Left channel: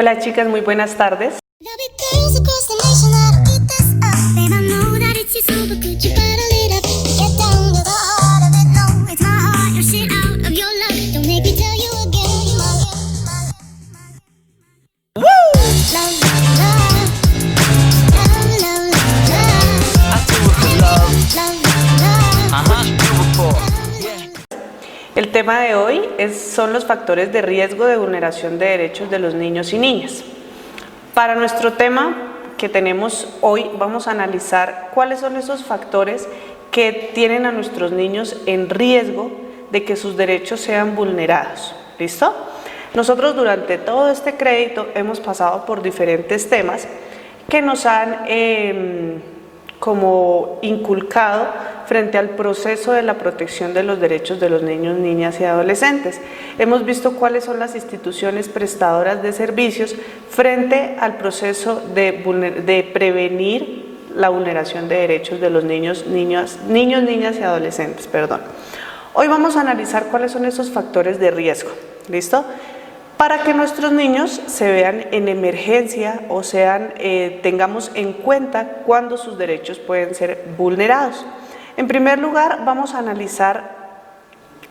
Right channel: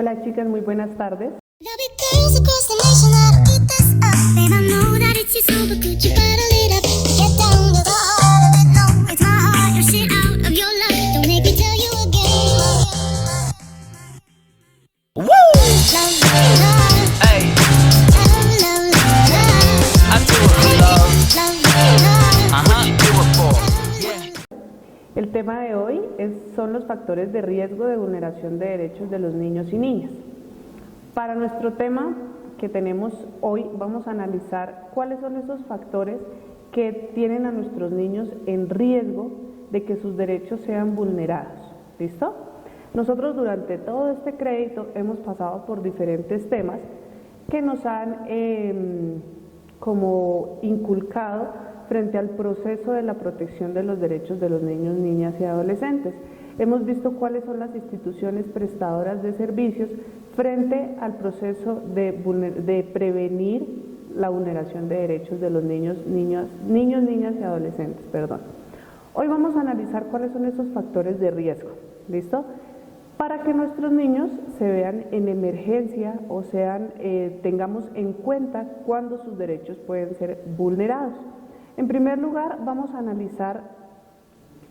Hola chicas, muy buenas tardes. El tema de hoy son los factores de riesgo de vulneración de derechos de los niños y niñas. Para nuestro tema que tenemos hoy vamos a analizar cuáles son esos factores que tienen a nuestros niños en riesgo de que sus derechos sean vulnerados. ¿Listo? Nosotros durante todo este crédito hemos pasado por diferentes temas que nos han como inculcado frente al proceso de la protección de los derechos de los niños, niñas y adolescentes. Hemos visto cuáles son las instituciones prestadoras de servicios frente al proceso de prevenir la vulneración de derechos de los niños, niñas y adolescentes. Hoy vamos a analizar cuáles son esos factores de riesgo. ¿Listo? Para que nuestros niños se vean en emergencia o tengamos en cuenta cuándo sus derechos pueden ser vulnerados. En primer lugar, vamos a analizar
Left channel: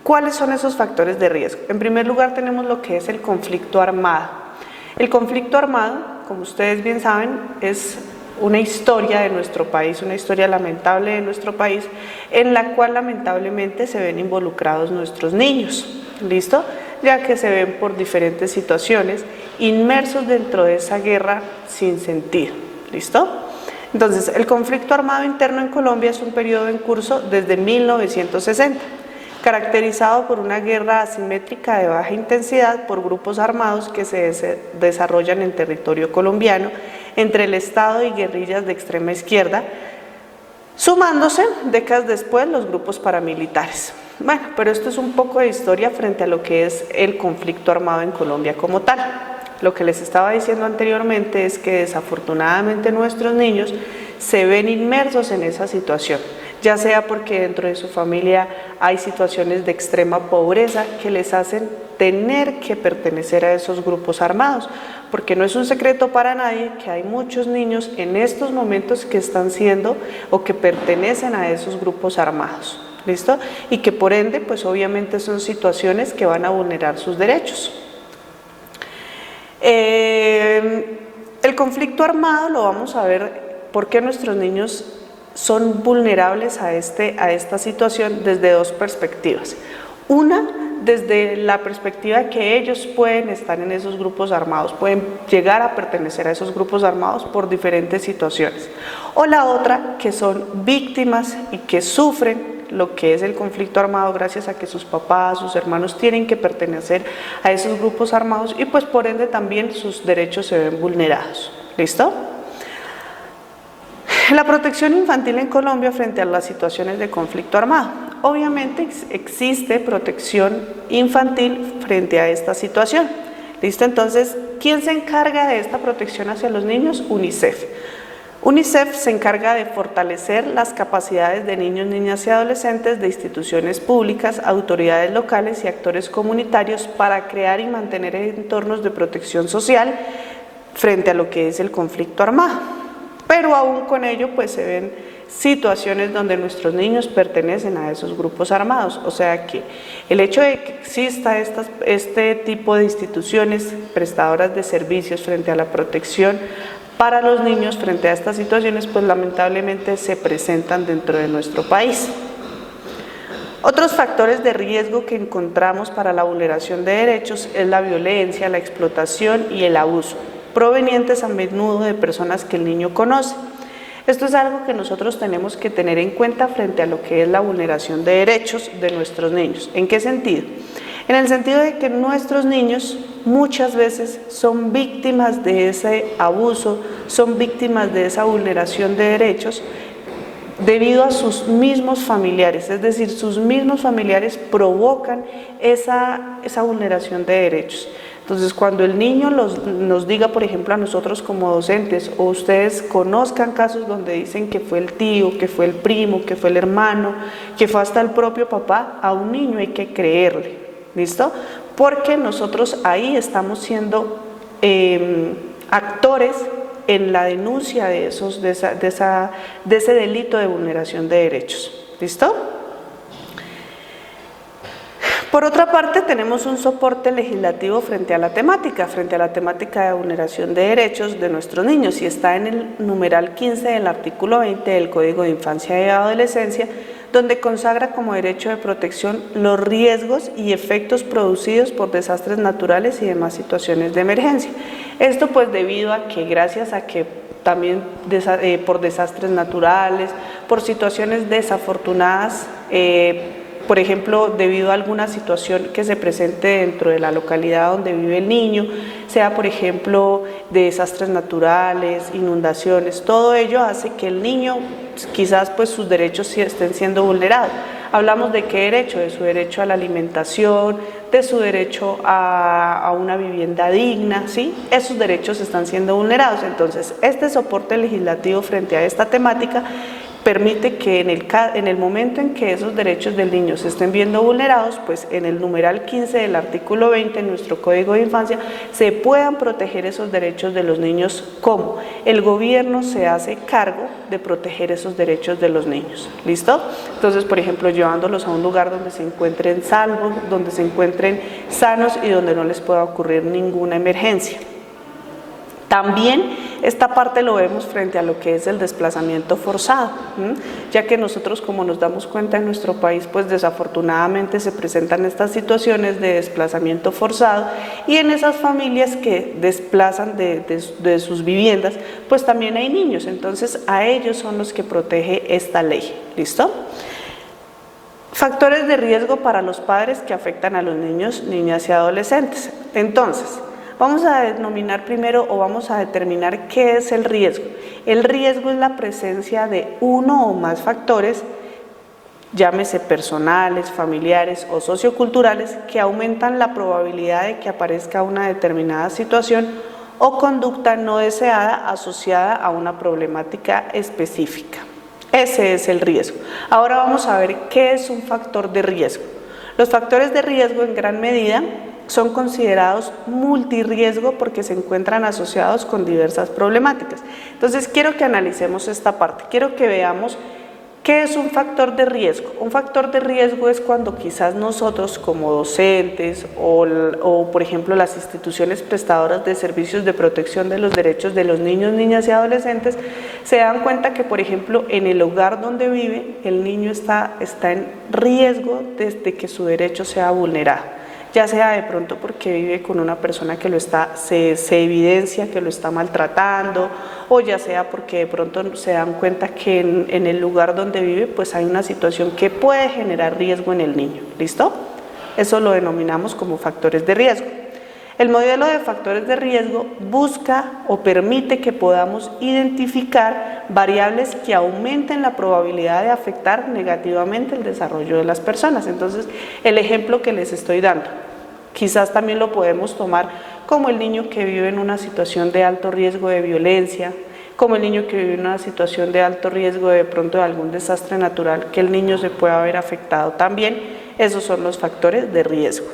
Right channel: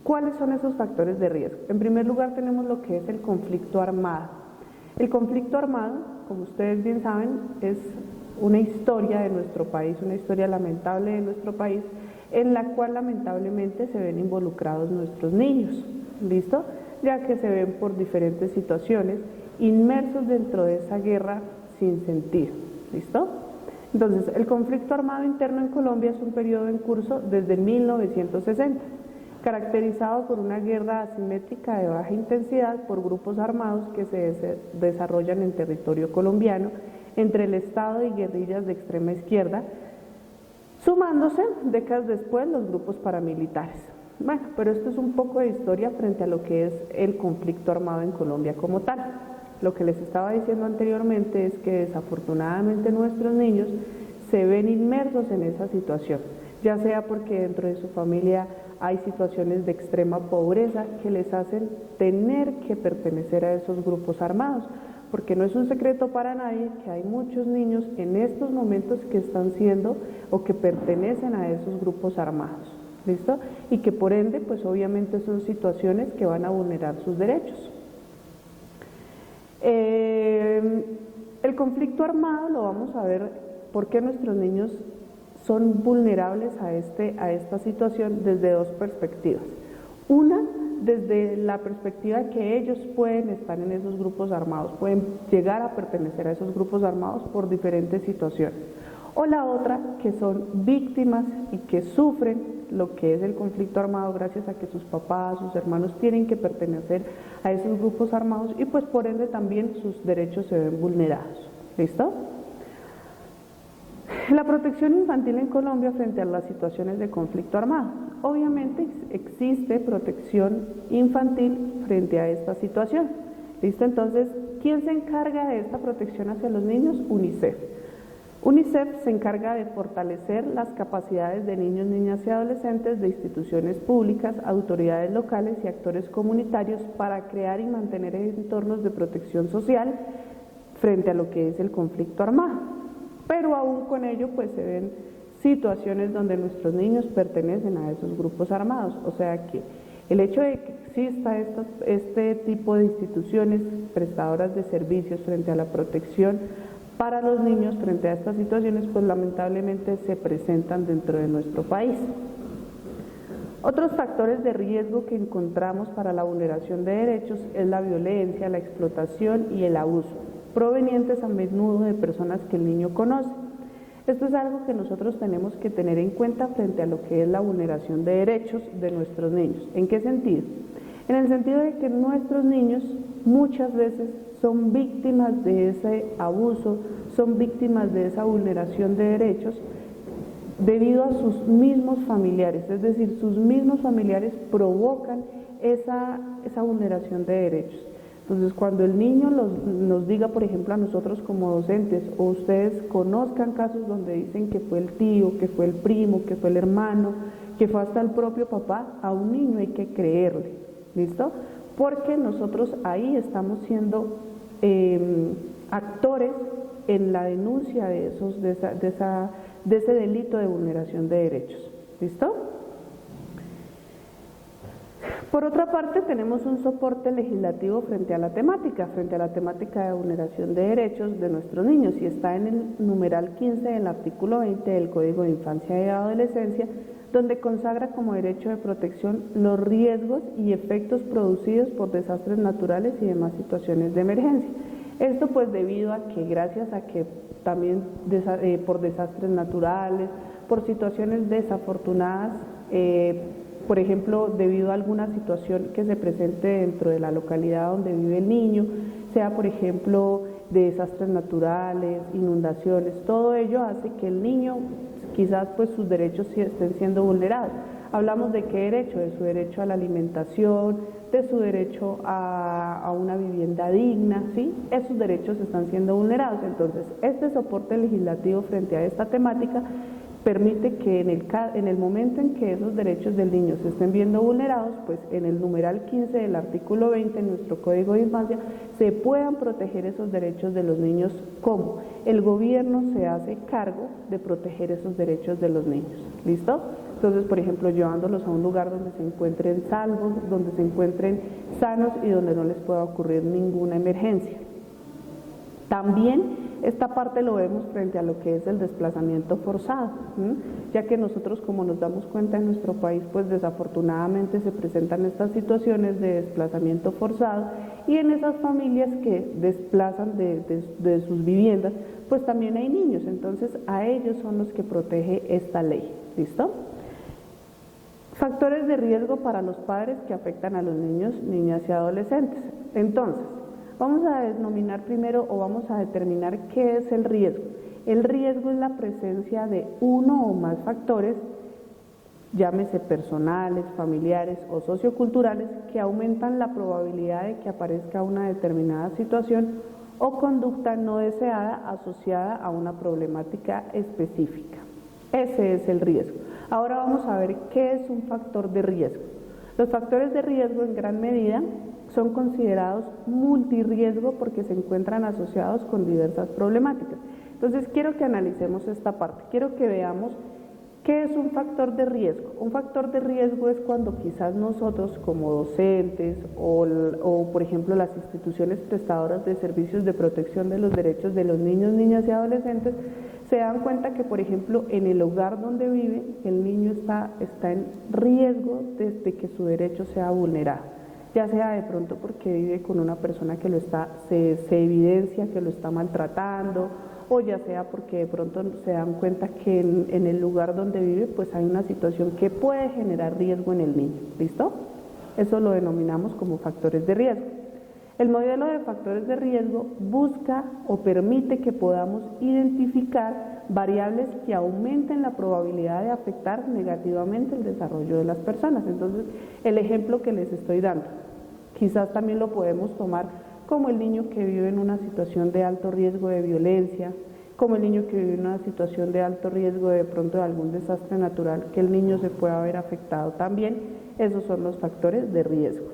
cuáles son esos factores de riesgo. En primer lugar, tenemos lo que es el conflicto armado. El conflicto armado, como ustedes bien saben, es una historia de nuestro país, una historia lamentable de nuestro país, en la cual lamentablemente se ven involucrados nuestros niños. ¿Listo? Ya que se ven por diferentes situaciones inmersos dentro de esa guerra sin sentido. ¿Listo? Entonces, el conflicto armado interno en Colombia es un periodo en curso desde 1960, caracterizado por una guerra asimétrica de baja intensidad por grupos armados que se desarrollan en territorio colombiano entre el Estado y guerrillas de extrema izquierda, sumándose décadas después los grupos paramilitares. Bueno, pero esto es un poco de historia frente a lo que es el conflicto armado en Colombia como tal. Lo que les estaba diciendo anteriormente es que desafortunadamente nuestros niños se ven inmersos en esa situación, ya sea porque dentro de su familia hay situaciones de extrema pobreza que les hacen tener que pertenecer a esos grupos armados, porque no es un secreto para nadie que hay muchos niños en estos momentos que están siendo o que pertenecen a esos grupos armados. ¿Listo? Y que por ende, pues obviamente son situaciones que van a vulnerar sus derechos. El conflicto armado lo vamos a ver por qué nuestros niños son vulnerables a esta situación desde dos perspectivas. Una, desde la perspectiva que ellos pueden estar en esos grupos armados, pueden llegar a pertenecer a esos grupos armados por diferentes situaciones. O la otra, que son víctimas y que sufren lo que es el conflicto armado gracias a que sus papás, sus hermanos tienen que pertenecer a esos grupos armados y pues por ende también sus derechos se ven vulnerados. ¿Listo? La protección infantil en Colombia frente a las situaciones de conflicto armado. Obviamente existe protección infantil frente a esta situación. ¿Listo? Entonces, ¿quién se encarga de esta protección hacia los niños? UNICEF. UNICEF se encarga de fortalecer las capacidades de niños, niñas y adolescentes de instituciones públicas, autoridades locales y actores comunitarios para crear y mantener entornos de protección social frente a lo que es el conflicto armado. Pero aún con ello pues se ven situaciones donde nuestros niños pertenecen a esos grupos armados, o sea que el hecho de que exista este tipo de instituciones prestadoras de servicios frente a la protección para los niños frente a estas situaciones, pues lamentablemente se presentan dentro de nuestro país. Otros factores de riesgo que encontramos para la vulneración de derechos es la violencia, la explotación y el abuso, provenientes a menudo de personas que el niño conoce. Esto es algo que nosotros tenemos que tener en cuenta frente a lo que es la vulneración de derechos de nuestros niños. ¿En qué sentido? En el sentido de que nuestros niños muchas veces son víctimas de ese abuso, son víctimas de esa vulneración de derechos debido a sus mismos familiares, es decir, sus mismos familiares provocan esa vulneración de derechos. Entonces, cuando el niño nos diga, por ejemplo, a nosotros como docentes, o ustedes conozcan casos donde dicen que fue el tío, que fue el primo, que fue el hermano, que fue hasta el propio papá, a un niño hay que creerle. ¿Listo? Porque nosotros ahí estamos siendo actores en la denuncia de ese delito de vulneración de derechos. ¿Listo? Por otra parte, tenemos un soporte legislativo frente a la temática de vulneración de derechos de nuestros niños, y está en el numeral 15 del artículo 20 del Código de Infancia y Adolescencia, donde consagra como derecho de protección los riesgos y efectos producidos por desastres naturales y demás situaciones de emergencia. Esto pues debido a que, gracias a que también por desastres naturales, por situaciones desafortunadas, por ejemplo, debido a alguna situación que se presente dentro de la localidad donde vive el niño, sea por ejemplo de desastres naturales, inundaciones, todo ello hace que el niño quizás pues sus derechos estén siendo vulnerados. Hablamos de qué derecho, de su derecho a la alimentación, de su derecho a una vivienda digna, ¿sí? Esos derechos están siendo vulnerados. Entonces, este soporte legislativo frente a esta temática permite que en el momento en que esos derechos del niño se estén viendo vulnerados, pues en el numeral 15 del artículo 20 en nuestro Código de Infancia se puedan proteger esos derechos de los niños. ¿Cómo? El gobierno se hace cargo de proteger esos derechos de los niños. ¿Listo? Entonces, por ejemplo, llevándolos a un lugar donde se encuentren salvos, donde se encuentren sanos y donde no les pueda ocurrir ninguna emergencia. También esta parte lo vemos frente a lo que es el desplazamiento forzado, ya que nosotros, como nos damos cuenta en nuestro país, pues desafortunadamente se presentan estas situaciones de desplazamiento forzado, y en esas familias que desplazan de sus viviendas, pues también hay niños. Entonces a ellos son los que protege esta ley. ¿Listo? Factores de riesgo para los padres que afectan a los niños, niñas y adolescentes. Entonces, vamos a denominar primero, o vamos a determinar qué es el riesgo. El riesgo es la presencia de uno o más factores, llámese personales, familiares o socioculturales, que aumentan la probabilidad de que aparezca una determinada situación o conducta no deseada asociada a una problemática específica. Ese es el riesgo. Ahora vamos a ver qué es un factor de riesgo. Los factores de riesgo en gran medida son considerados multirriesgo porque se encuentran asociados con diversas problemáticas. Entonces quiero que analicemos esta parte, quiero que veamos qué es un factor de riesgo. Un factor de riesgo es cuando quizás nosotros como docentes o por ejemplo las instituciones prestadoras de servicios de protección de los derechos de los niños, niñas y adolescentes se dan cuenta que, por ejemplo, en el hogar donde vive el niño está en riesgo de que su derecho sea vulnerado, ya sea de pronto porque vive con una persona que se evidencia que lo está maltratando, o ya sea porque de pronto se dan cuenta que en el lugar donde vive pues hay una situación que puede generar riesgo en el niño. ¿Listo? Eso lo denominamos como factores de riesgo. El modelo de factores de riesgo busca o permite que podamos identificar variables que aumenten la probabilidad de afectar negativamente el desarrollo de las personas. Entonces, el ejemplo que les estoy dando, quizás también lo podemos tomar como el niño que vive en una situación de alto riesgo de violencia, como el niño que vive en una situación de alto riesgo de pronto de algún desastre natural, que el niño se pueda ver afectado también. Esos son los factores de riesgo.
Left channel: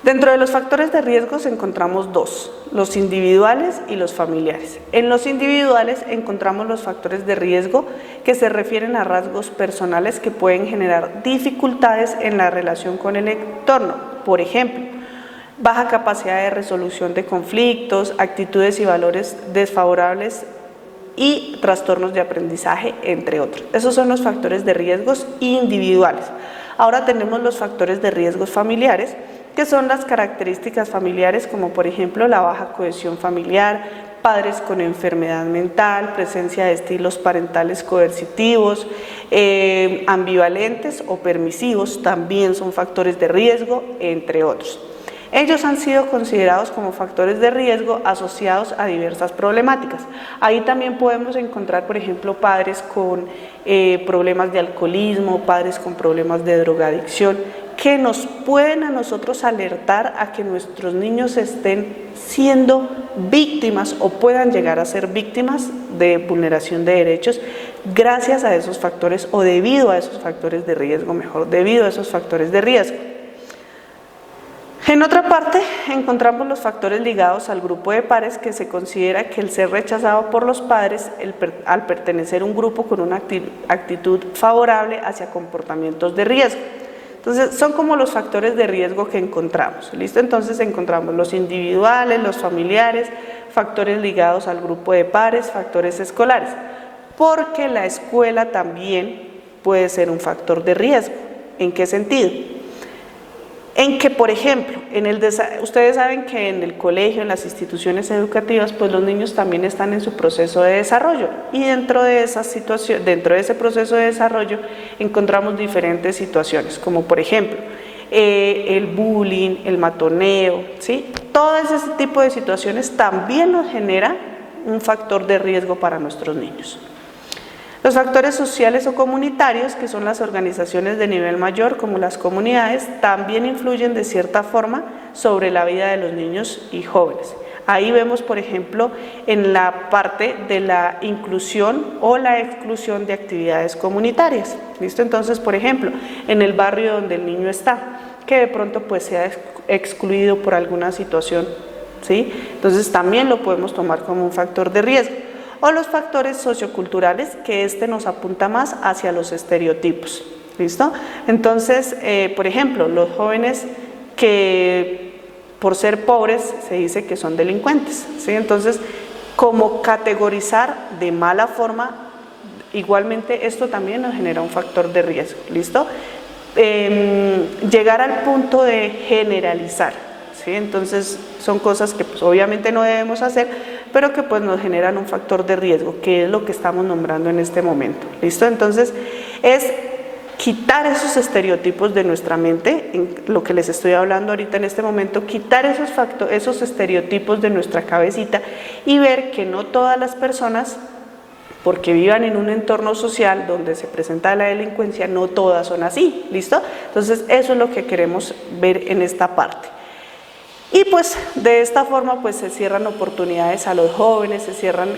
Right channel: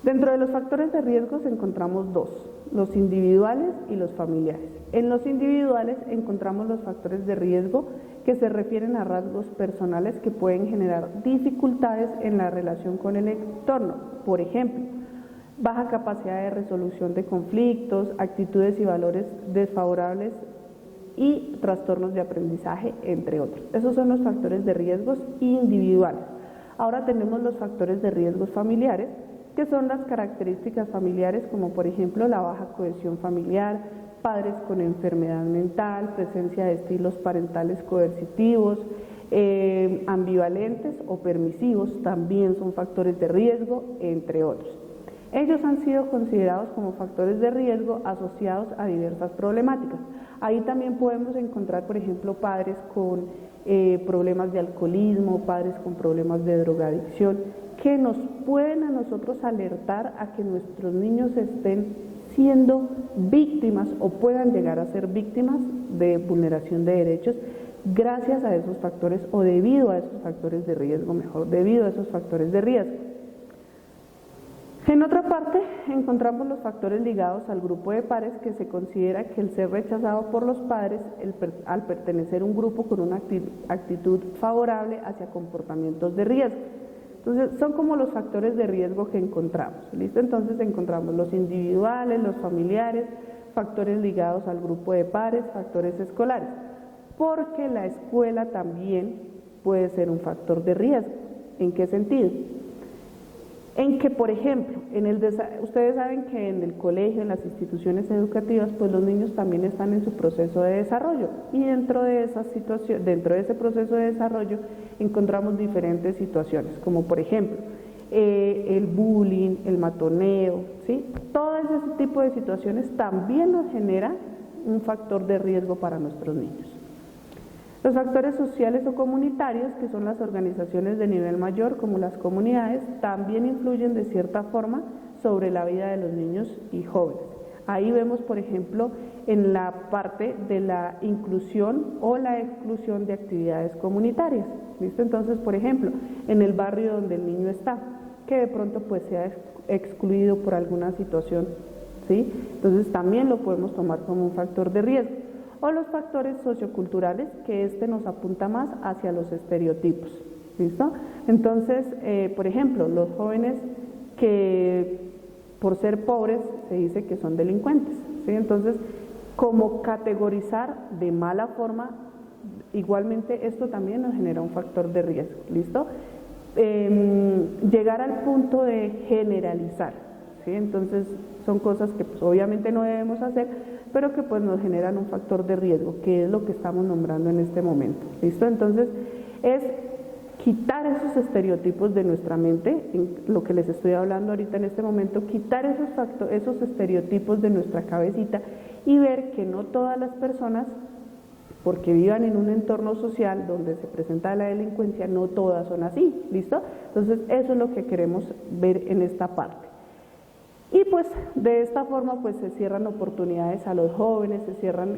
Dentro de los factores de riesgo encontramos dos, los individuales y los familiares. En los individuales encontramos los factores de riesgo que se refieren a rasgos personales que pueden generar dificultades en la relación con el entorno. Por ejemplo, baja capacidad de resolución de conflictos, actitudes y valores desfavorables y trastornos de aprendizaje, entre otros. Esos son los factores de riesgos individuales. Ahora tenemos los factores de riesgos familiares, que son las características familiares como por ejemplo la baja cohesión familiar, padres con enfermedad mental, presencia de estilos parentales coercitivos, ambivalentes o permisivos, también son factores de riesgo, entre otros. Ellos han sido considerados como factores de riesgo asociados a diversas problemáticas. Ahí también podemos encontrar, por ejemplo, padres con problemas de alcoholismo, padres con problemas de drogadicción, que nos pueden a nosotros alertar a que nuestros niños estén siendo víctimas o puedan llegar a ser víctimas de vulneración de derechos gracias a esos factores o debido a esos factores de riesgo, debido a esos factores de riesgo. En otra parte, encontramos los factores ligados al grupo de pares, que se considera que el ser rechazado por los padres al pertenecer a un grupo con una actitud favorable hacia comportamientos de riesgo. Entonces, son como los factores de riesgo que encontramos, ¿listo? Entonces, encontramos los individuales, los familiares, factores ligados al grupo de pares, factores escolares, porque la escuela también puede ser un factor de riesgo. ¿En qué sentido? En que, por ejemplo, ustedes saben que en el colegio, en las instituciones educativas, pues los niños también están en su proceso de desarrollo, y dentro de ese proceso de desarrollo encontramos diferentes situaciones, como por ejemplo el bullying, el matoneo, ¿sí? Todo ese tipo de situaciones también nos genera un factor de riesgo para nuestros niños. Los factores sociales o comunitarios, que son las organizaciones de nivel mayor como las comunidades, también influyen de cierta forma sobre la vida de los niños y jóvenes. Ahí vemos, por ejemplo, en la parte de la inclusión o la exclusión de actividades comunitarias. ¿Listo? Entonces, por ejemplo, en el barrio donde el niño está, que de pronto pues sea excluido por alguna situación, ¿sí? Entonces también lo podemos tomar como un factor de riesgo. O los factores socioculturales, que nos apunta más hacia los estereotipos. ¿Listo? Entonces, por ejemplo, los jóvenes que por ser pobres se dice que son delincuentes, ¿sí? Entonces, como categorizar de mala forma, igualmente esto también nos genera un factor de riesgo. ¿Listo? Llegar al punto de generalizar, ¿sí? Entonces, son cosas que pues, obviamente no debemos hacer, pero que pues nos generan un factor de riesgo, que es lo que estamos nombrando en este momento. ¿Listo? Entonces, es quitar esos estereotipos de nuestra mente, en lo que les estoy hablando ahorita en este momento, quitar esos estereotipos de nuestra cabecita y ver que no todas las personas, porque vivan en un entorno social donde se presenta la delincuencia, no todas son así. ¿Listo? Entonces, eso es lo que queremos ver en esta parte. Y pues de esta forma pues se cierran oportunidades a los jóvenes, se cierran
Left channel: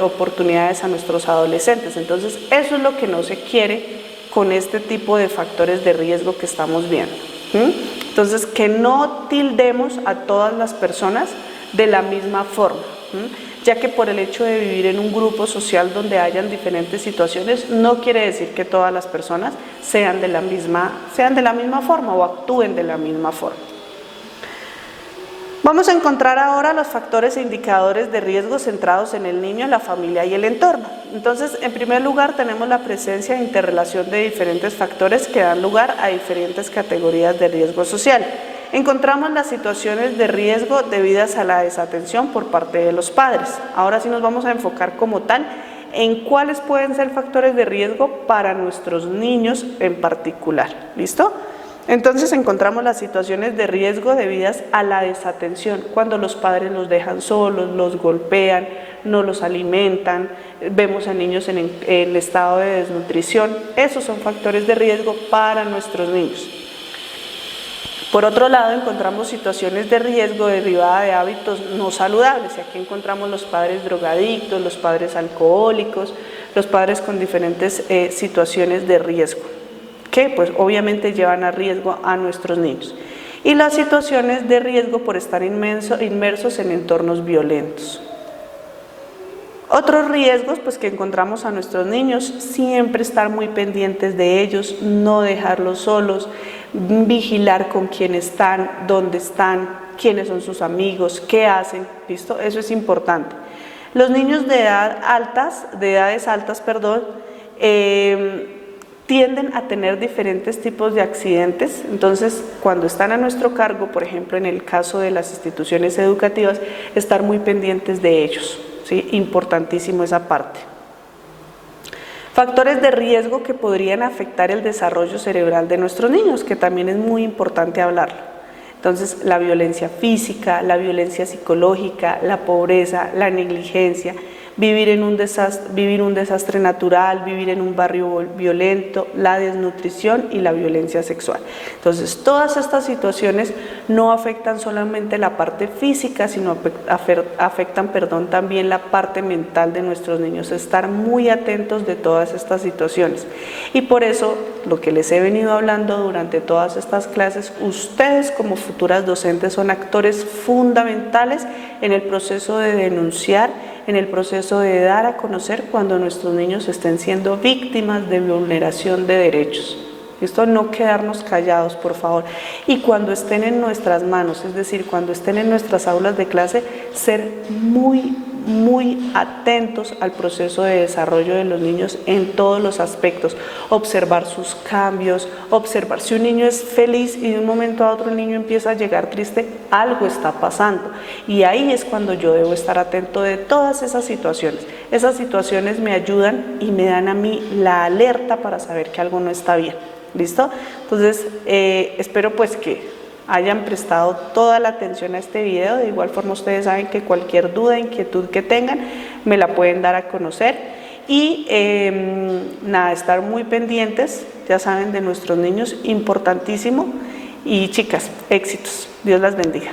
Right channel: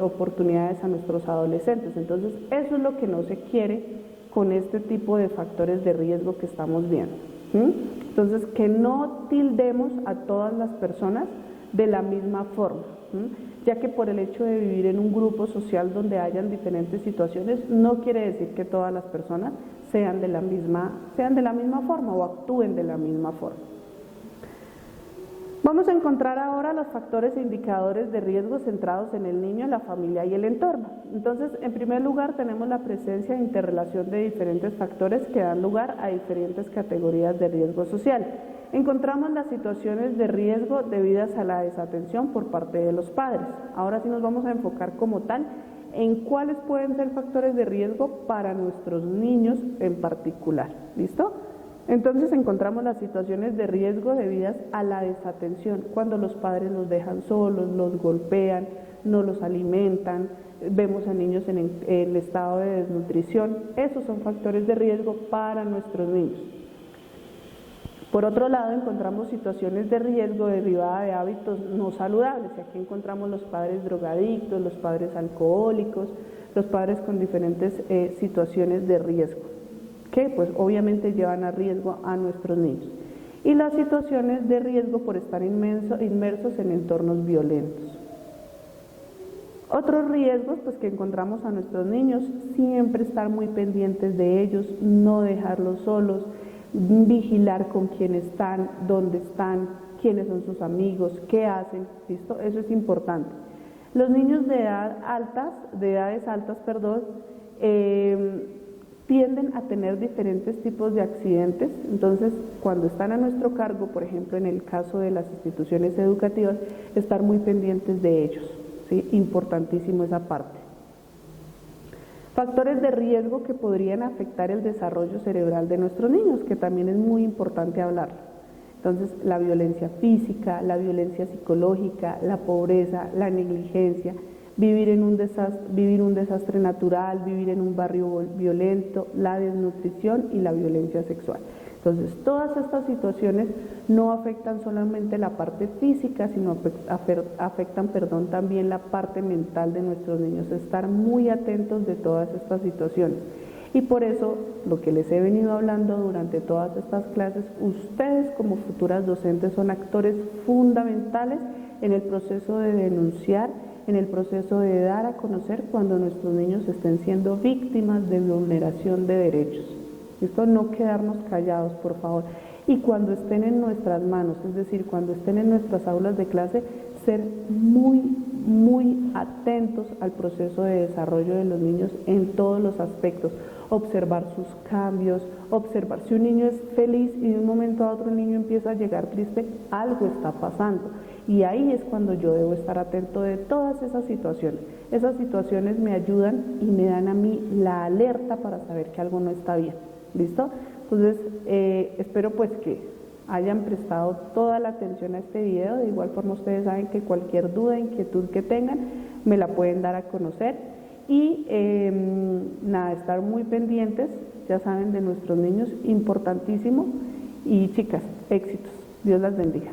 oportunidades a nuestros adolescentes. Entonces eso es lo que no se quiere con este tipo de factores de riesgo que estamos viendo. Entonces, que no tildemos a todas las personas de la misma forma, ya que por el hecho de vivir en un grupo social donde hayan diferentes situaciones, no quiere decir que todas las personas sean de la misma forma o actúen de la misma forma. Vamos a encontrar ahora los factores e indicadores de riesgo centrados en el niño, la familia y el entorno. Entonces, en primer lugar, tenemos la presencia e interrelación de diferentes factores que dan lugar a diferentes categorías de riesgo social. Encontramos las situaciones de riesgo debidas a la desatención por parte de los padres. Ahora sí nos vamos a enfocar como tal en cuáles pueden ser factores de riesgo para nuestros niños en particular. ¿Listo? Entonces encontramos las situaciones de riesgo debidas a la desatención, cuando los padres los dejan solos, los golpean, no los alimentan, vemos a niños en estado de desnutrición. Esos son factores de riesgo para nuestros niños. Por otro lado, encontramos situaciones de riesgo derivadas de hábitos no saludables, y aquí encontramos los padres drogadictos, los padres alcohólicos, los padres con diferentes situaciones de riesgo, que pues obviamente llevan a riesgo a nuestros niños. Y las situaciones de riesgo por estar inmersos en entornos violentos. Otros riesgos pues que encontramos a nuestros niños, siempre estar muy pendientes de ellos, no dejarlos solos, vigilar con quién están, dónde están, quiénes son sus amigos, qué hacen. ¿Listo? Eso es importante. Los niños de edades altas, tienden a tener diferentes tipos de accidentes. Entonces, cuando están a nuestro cargo, por ejemplo, en el caso de las instituciones educativas, estar muy pendientes de ellos, ¿sí? Importantísimo esa parte. Factores de riesgo que podrían afectar el desarrollo cerebral de nuestros niños, que también es muy importante hablarlo. Entonces, la violencia física, la violencia psicológica, la pobreza, la negligencia, vivir un desastre natural, vivir en un barrio violento, la desnutrición y la violencia sexual. Entonces, todas estas situaciones no afectan solamente la parte física, sino afectan también la parte mental de nuestros niños. Estar muy atentos de todas estas situaciones. Y por eso, lo que les he venido hablando durante todas estas clases, ustedes como futuras docentes son actores fundamentales en el proceso de denunciar, en el proceso de dar a conocer cuando nuestros niños estén siendo víctimas de vulneración de derechos. Esto no quedarnos callados, por favor. Y cuando estén en nuestras manos, es decir, cuando estén en nuestras aulas de clase, ser muy atentos al proceso de desarrollo de los niños en todos los aspectos. Observar sus cambios, observar si un niño es feliz y de un momento a otro el niño empieza a llegar triste, algo está pasando. Y ahí es cuando yo debo estar atento de todas esas situaciones. Esas situaciones me ayudan y me dan a mí la alerta para saber que algo no está bien. ¿Listo? Entonces, espero pues que hayan prestado toda la atención a este video. De igual forma, ustedes saben que cualquier duda, inquietud que tengan, me la pueden dar a conocer. Y nada, estar muy pendientes, ya saben, de nuestros niños, importantísimo. Y chicas, éxitos. Dios las bendiga.